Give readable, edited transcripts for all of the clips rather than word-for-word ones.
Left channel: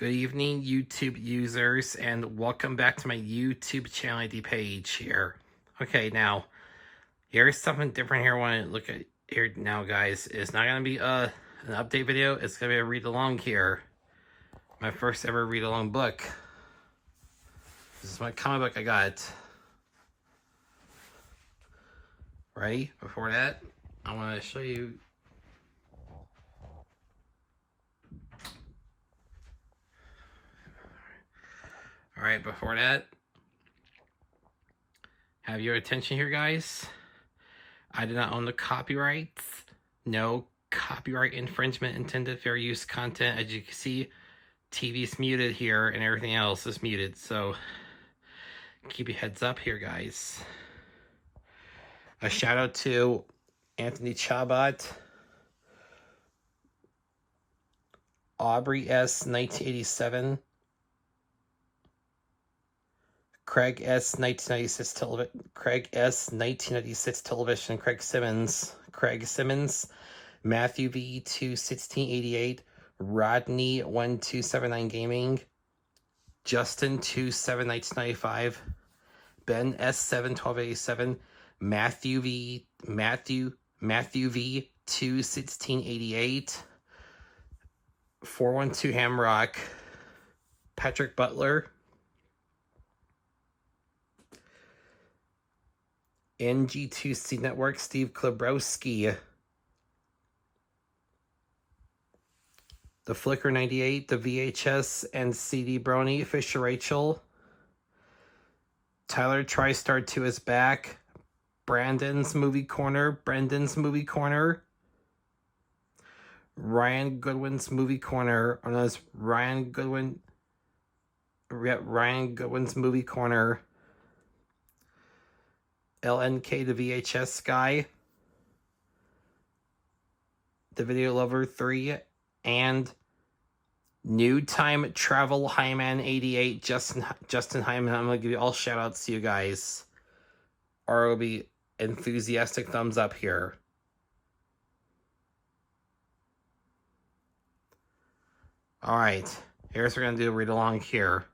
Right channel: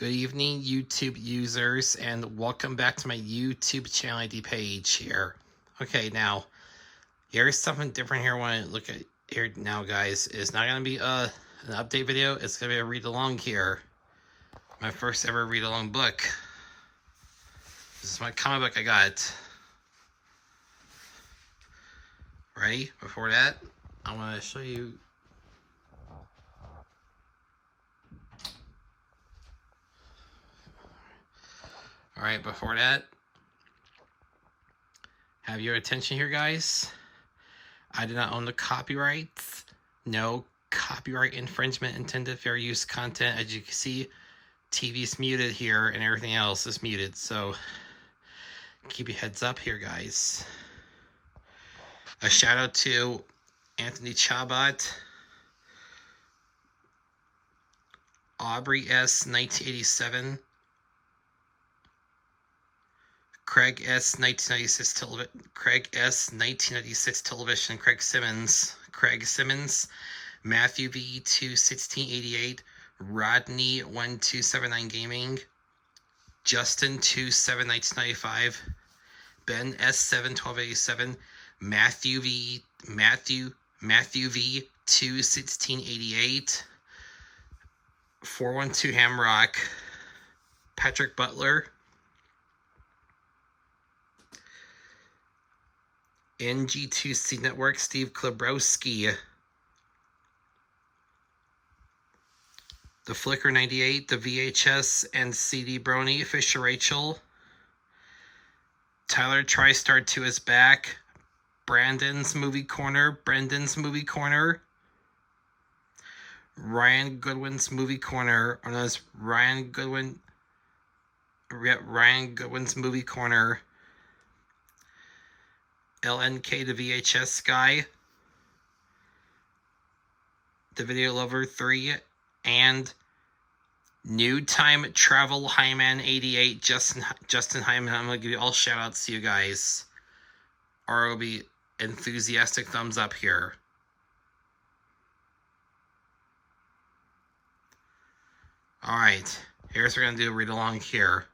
Good evening, YouTube users, and welcome back to my YouTube channel ID page here. Okay, now, here's something different here. I want to look at here now, guys. It's not going to be an update video. It's going to be a read-along here. My first ever read-along book. This is my comic book I got. Ready? Before that, I want to show you... Alright, before that, have your attention here, guys. I do not own the copyrights. No copyright infringement intended fair use content. As you can see, TV's muted here and everything else is muted. So keep your heads up here, guys. A shout out to Anthony Chabot, Aubrey S. 1987, Craig S. 1996 television, Craig Simmons, Matthew V. 21688, Rodney 1279 Gaming, Justin 27995, Ben S. 71287, Matthew V. 21688, 412 Hamrock, Patrick Butler, NG2C Network, Steve Klebrowski, The Flicker 98, The VHS and CD Brony, Fisher Rachel, Tyler TriStar 2 is back, Brendan's Movie Corner, Ryan Goodwin's Movie Corner, or known as Ryan Goodwin's Movie Corner, LNK the VHS guy, The Video Lover 3, and New Time Travel Hyman 88, Justin Hyman. I'm going to give you all shout outs to you guys. Or it'll be enthusiastic thumbs up here. Alright, here's what we're going to do, read along here.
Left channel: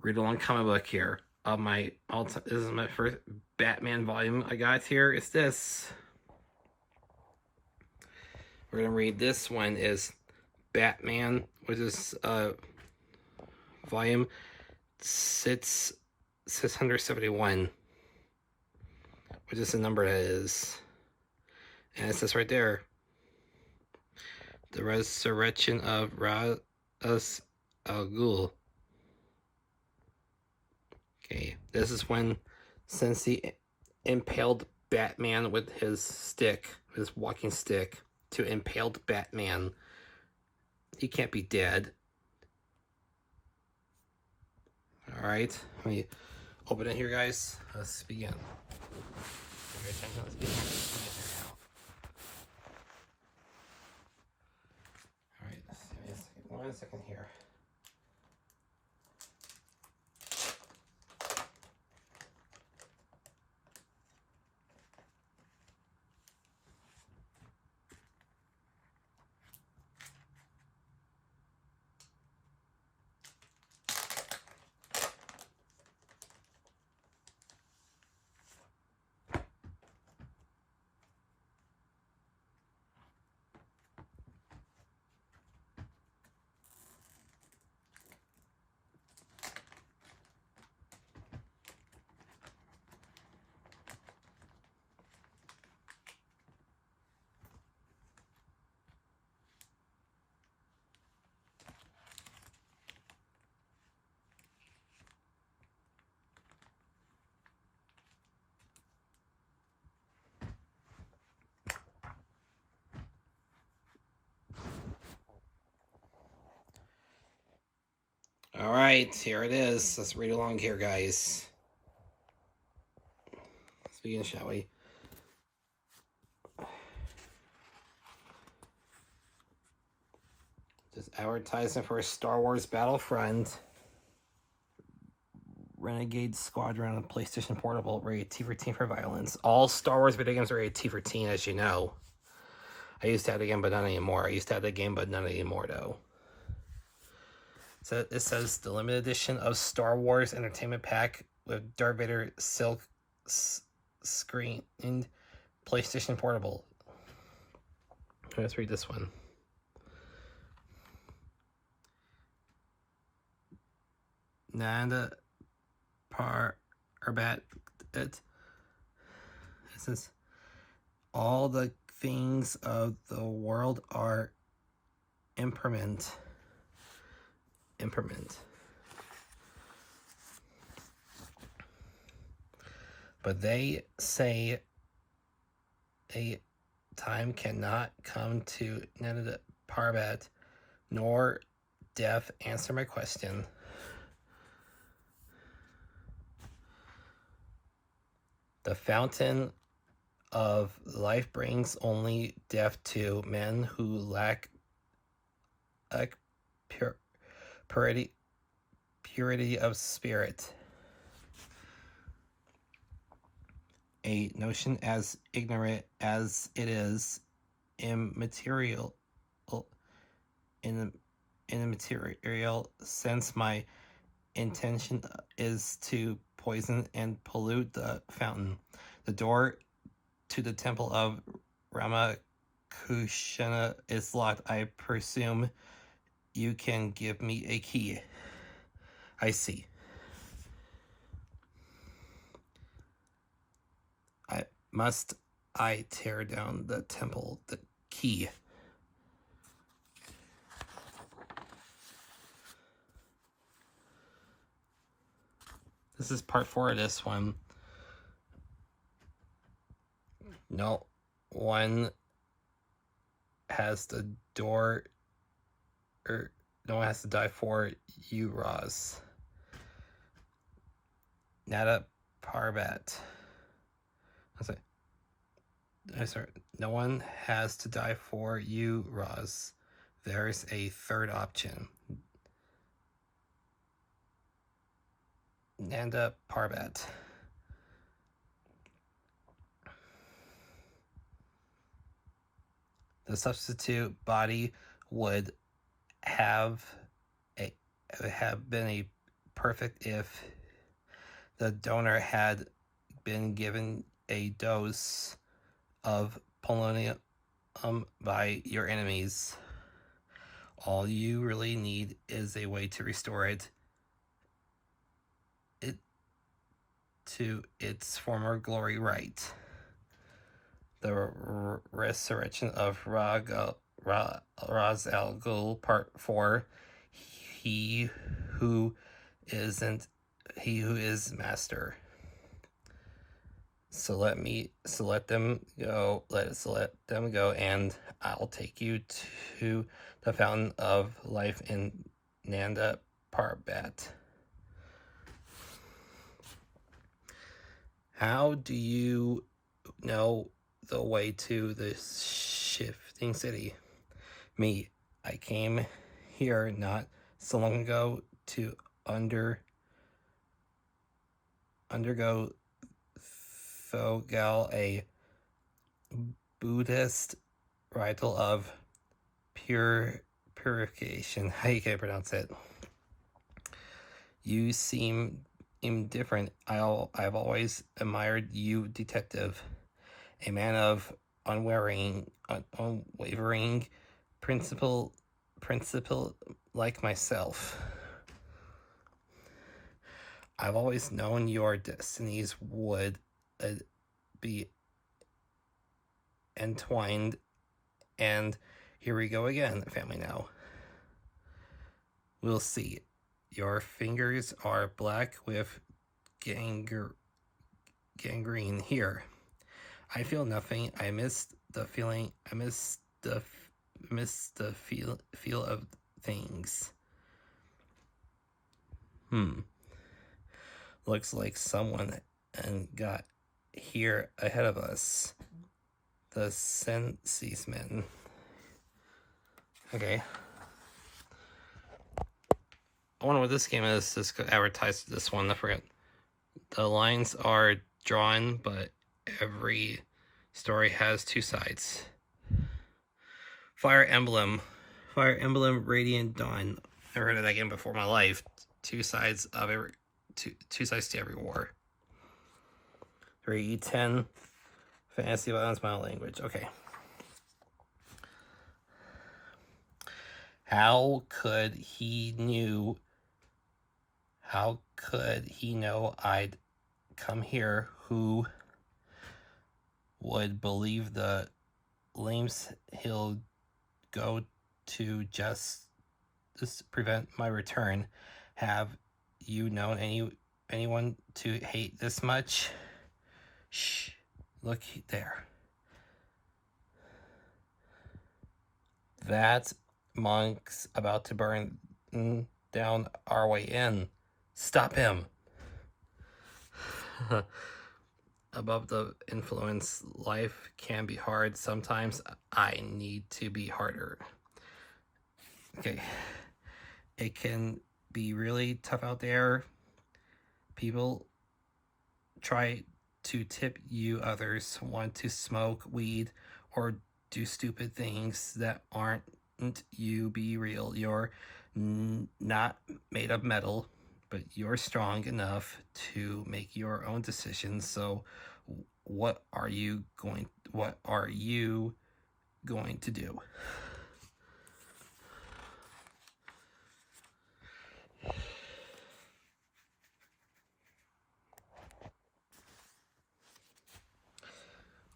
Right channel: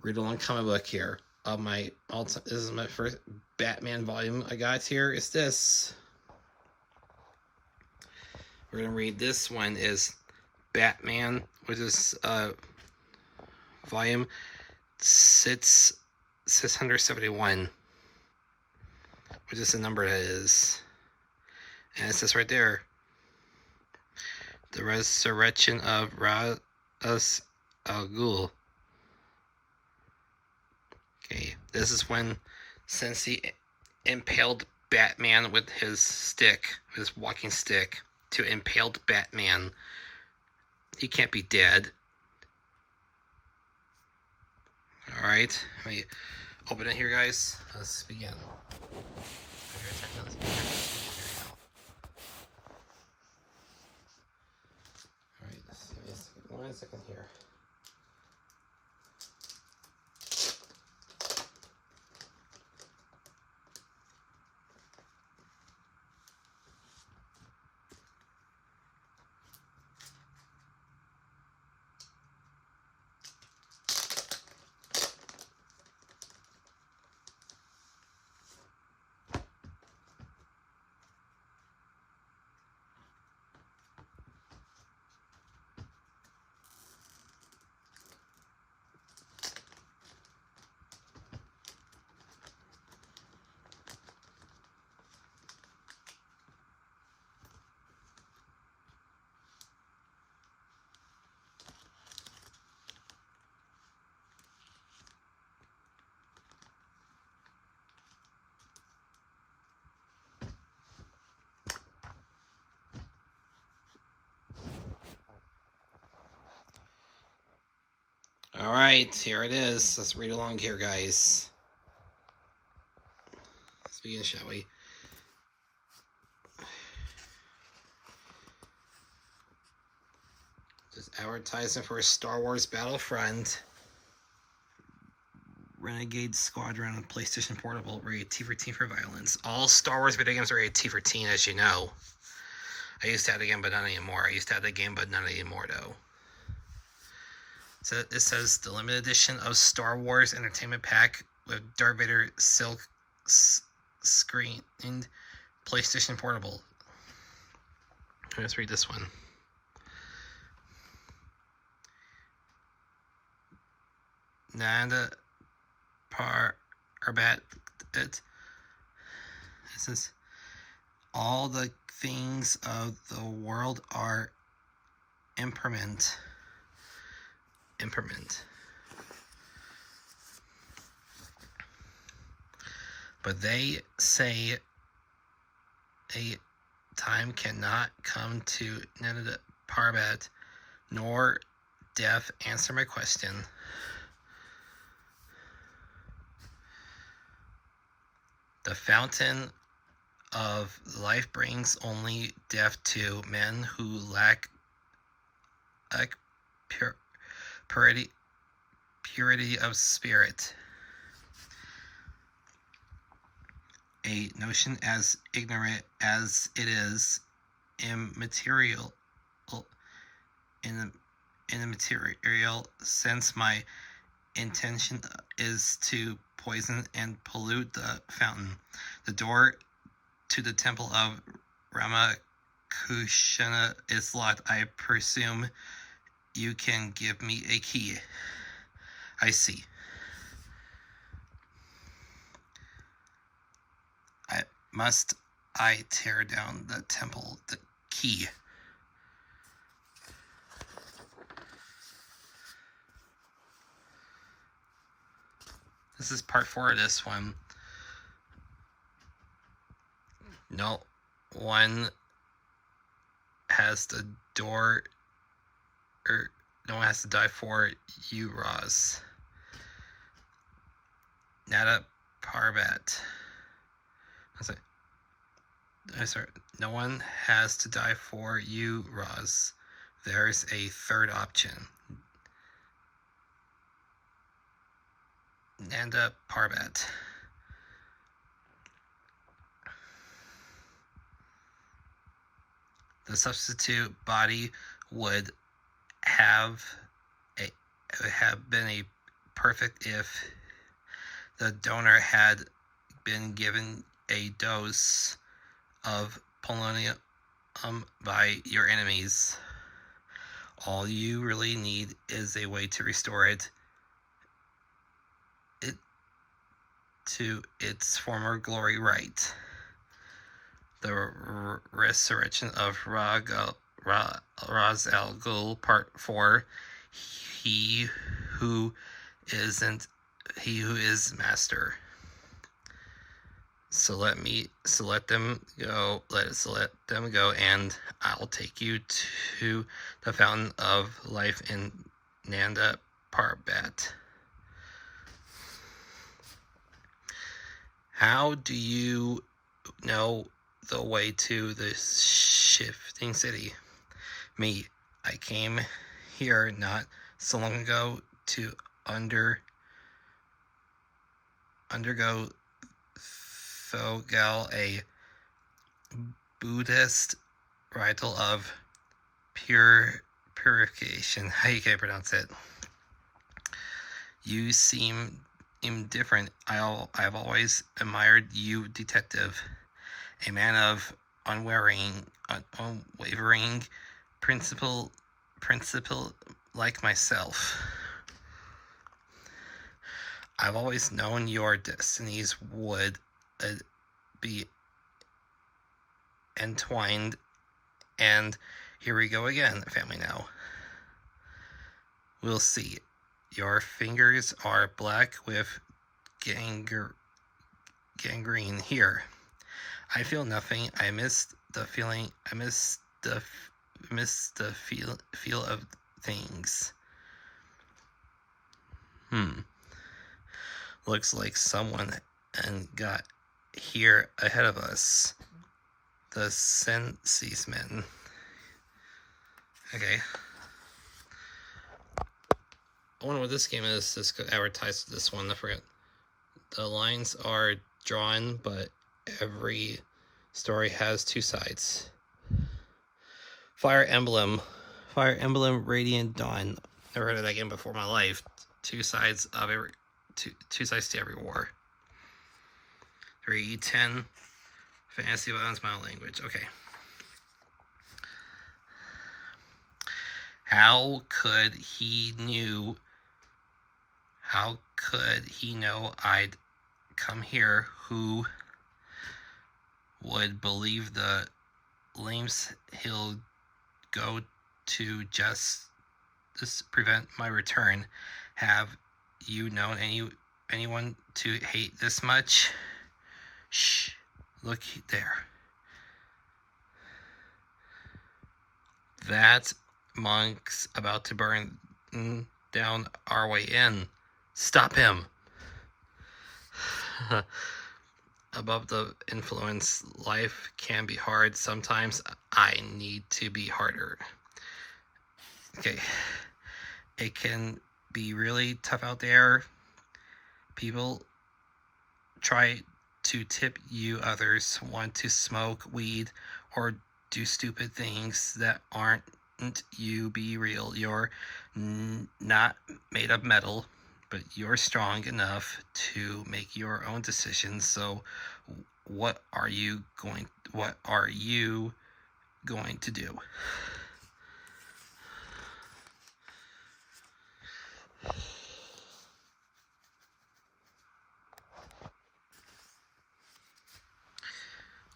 Read along comic book here. This is my first Batman volume I got here. Is this. We're going to read this one is Batman, which is volume 671, which is the number that is. And it says right there, the resurrection of Ra's al Ghul. Okay, this is when, since he impaled Batman with his stick, his walking stick, to impaled Batman, he can't be dead. Alright, let me open it here, guys. Let's begin. Alright, let's see. 1 second here. Alright, here it is. Let's read along here, guys. Let's begin, shall we? Just advertising for a Star Wars Battlefront Renegade Squadron on PlayStation Portable, rated T for teen for violence. All Star Wars video games are rated T for teen, as you know. I used to have the game, but not anymore. Though. So it says the limited edition of Star Wars Entertainment Pack with Darth Vader silk screened PlayStation Portable. Let's read this one. Nanda Parbat. It says all the things of the world are impermanent. But they say a time cannot come to Nanda Parbat, nor death answer my question. The fountain of life brings only death to men who lack purity of spirit. A notion as ignorant as it is immaterial in a material sense. My intention is to poison and pollute the fountain. The door to the temple of Ramakrishna is locked. I presume you can give me a key. I see. Must I tear down the temple? The key. This is part 4 of this one. No one has the door, or no one has to die for you, Roz. Nada Parbat. Sorry. No one has to die for you, Roz. There's a third option. Nanda Parbat. The substitute body would have been a perfect if the donor had been given a dose of polonium by your enemies. All you really need is a way to restore it to its former glory, right? The resurrection of Ra's al Ghul, part 4. He who is master. So let them go, and I'll take you to the fountain of life in Nanda Parbat. How do you know the way to the shifting city? Me, I came here not so long ago to undergo Thogal, a Buddhist ritual of purification. How you can pronounce it? You seem indifferent. I've always admired you, detective. A man of unwavering principle like myself. I've always known your destinies would be entwined, and here we go again, family now. We'll see. Your fingers are black with gangrene here. I feel nothing. I miss the feeling. I miss the feel of things. Looks like someone got here ahead of us. The Senses men. Okay. I wonder what this game is. This could advertise this one. I forget. The lines are drawn, but every story has 2 sides. Fire Emblem Radiant Dawn. Never heard of that game before in my life. Two sides of every two sides to every war. 3E10 fantasy violence my language. Okay. How could he know I'd come here? Who would believe the lengths he'll go to just prevent my return? Have you known anyone to hate this much? Shh, look there. That monk's about to burn down our way in. Stop him. Above the influence, life can be hard. Sometimes I need to be harder. Okay. It can be really tough out there. People try to tip you, others want to smoke weed or do stupid things that aren't you. Be real. You're not made of metal, but you're strong enough to make your own decisions. So what are you going to do?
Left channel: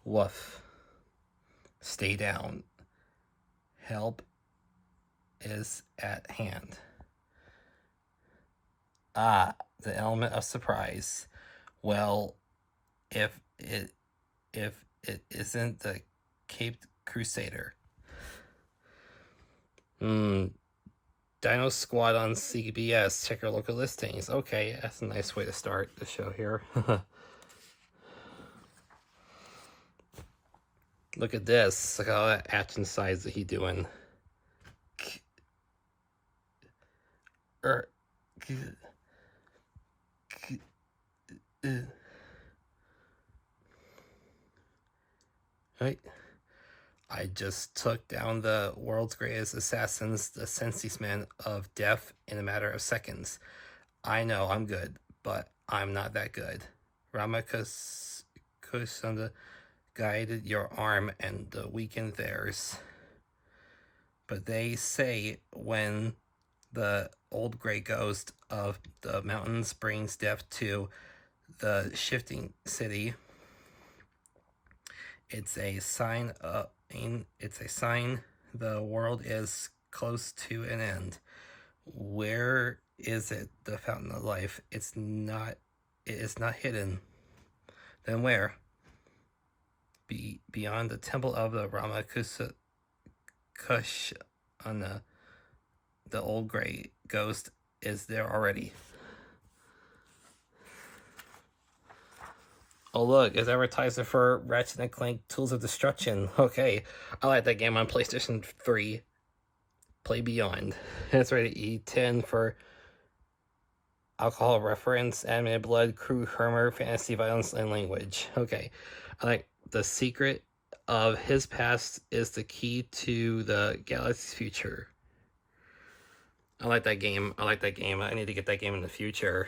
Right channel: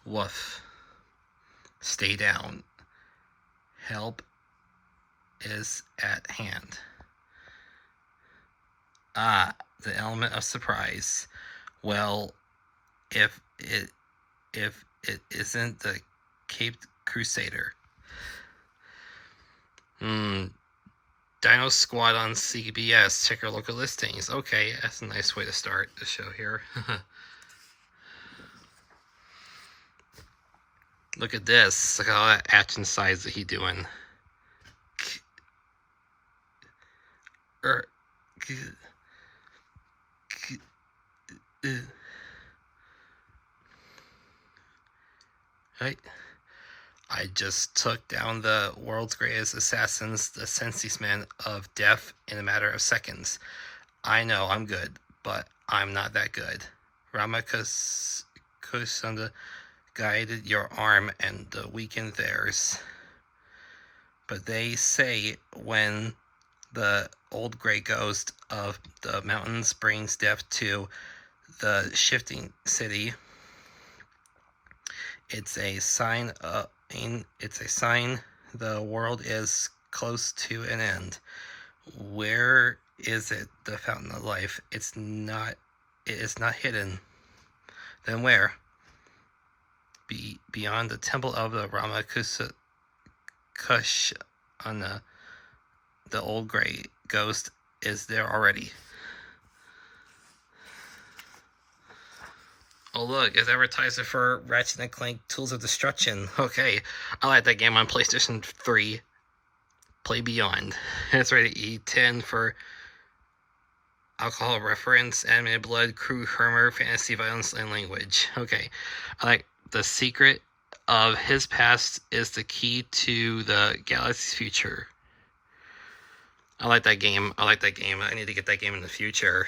Woof. Stay down. Help is at hand. Ah, the element of surprise. Well, if it isn't the Caped Crusader. Dino Squad on CBS. Check your local listings. Okay, that's a nice way to start the show here. Look at this. Look at all that action size that he doing. Right. I just took down the world's greatest assassins, the sensiest man of death, in a matter of seconds. I know I'm good, but I'm not that good. Ramakusanda guided your arm and weakened theirs. But they say when the old gray ghost of the mountains brings death to the shifting city, it's a sign the world is close to an end. Where is it, the fountain of life? It is not hidden. Then where? Beyond the temple of the Ramakush on the old gray ghost is there already. Oh look, it's advertising for Ratchet & Clank Tools of Destruction. Okay, I like that game on PlayStation 3. Play Beyond. It's rated E10 for alcohol reference, animated blood, crew, humor, fantasy, violence, and language. Okay, I like the secret of his past is the key to the galaxy's future. I like that game. I need to get that game in the future.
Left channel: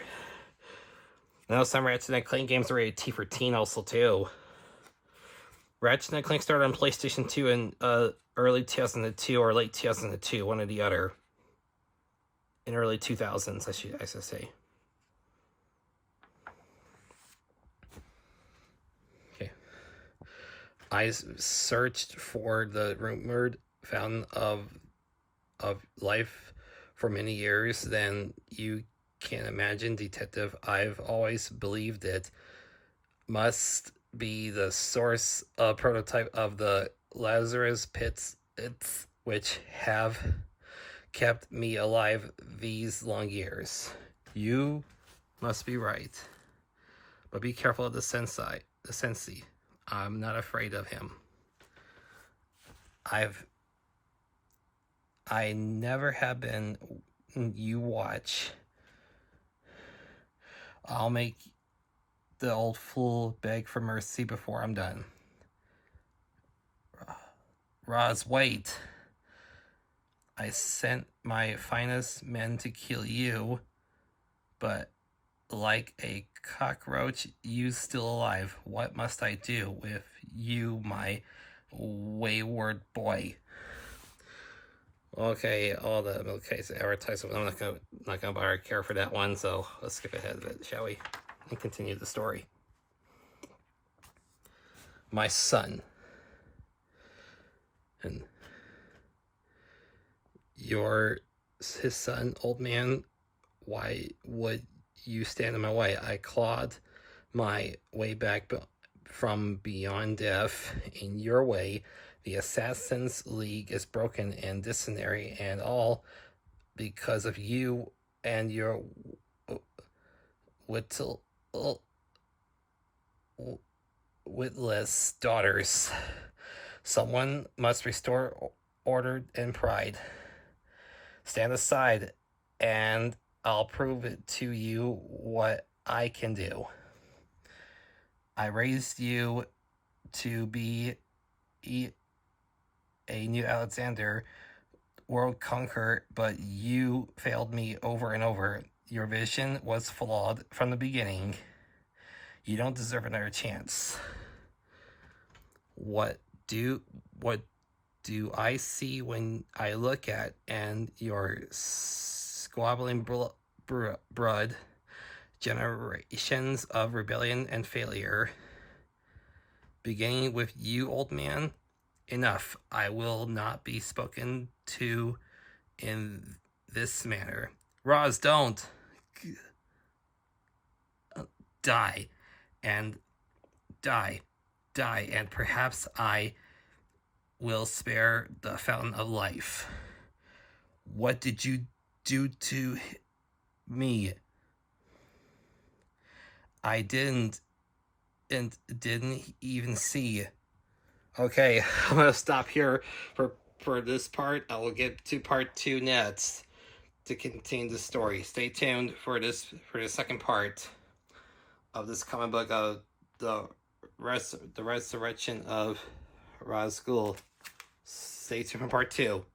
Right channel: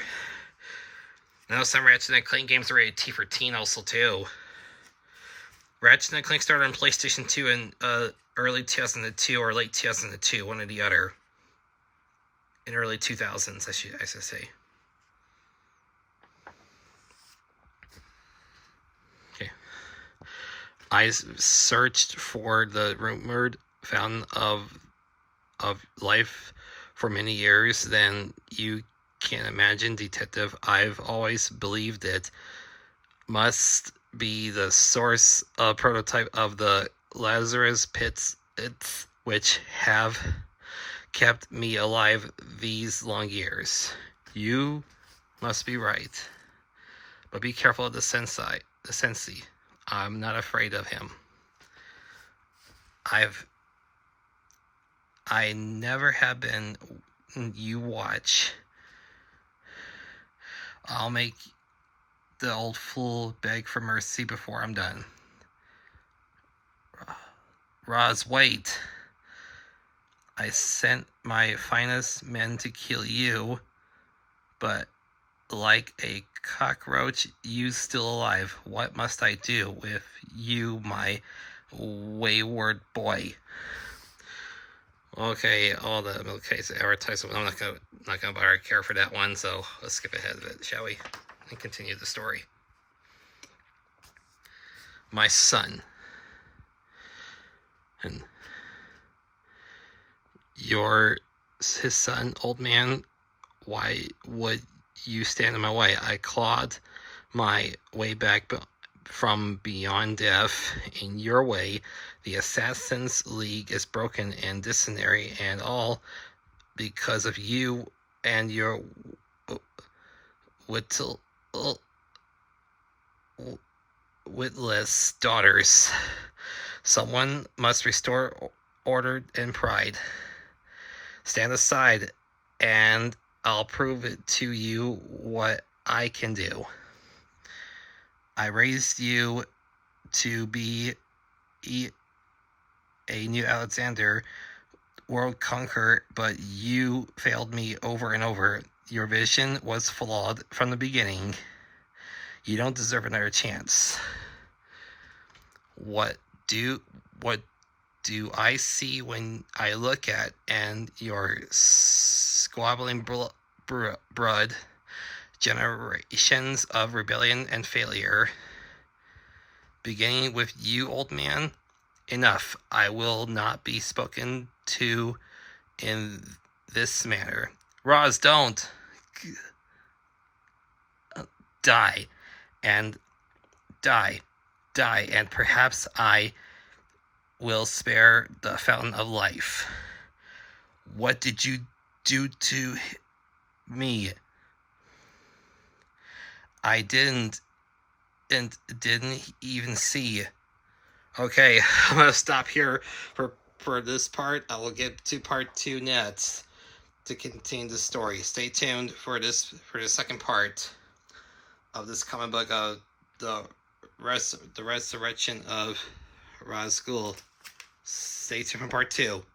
I know some Ratchet & Clank games are rated T for teen also too. Ratchet & Clank started on PlayStation 2 in early 2002 or late 2002, one or the other. In early 2000s, I should say. Okay. I searched for the rumored fountain of life for many years. Then you can imagine, Detective. I've always believed it must be the source of prototype of the Lazarus pits, which have kept me alive these long years. You must be right. But be careful of the sensei. I'm not afraid of him. I never have been. You watch. I'll make the old fool beg for mercy before I'm done. Roz, wait. I sent my finest men to kill you, but like a cockroach, you still alive. What must I do with you, my wayward boy? Okay, all the advertisement. I'm not gonna bother care for that one, so let's skip ahead of it, shall we? And continue the story. My son. And you're his son, old man. Why would you stand in my way? I clawed my way back from beyond death in your way. The Assassin's League is broken and dysentery, and all because of you and your witless daughters. Someone must restore order and pride. Stand aside, and I'll prove it to you what I can do. I raised you to be a new Alexander, world conqueror, but you failed me over and over. Your vision was flawed from the beginning. You don't deserve another chance. What do I see when I look at and your squabbling blood, generations of rebellion and failure, beginning with you, old man? Enough. I will not be spoken to in this manner. Roz, don't. Die. And die. Die. And perhaps I will spare the fountain of life. What did you do to me? I didn't even see. Okay, I'm gonna stop here for this part. I will get to part 2 next to continue the story. Stay tuned for the second part of this comic book of the resurrection of Ghul. Stay tuned for part 2.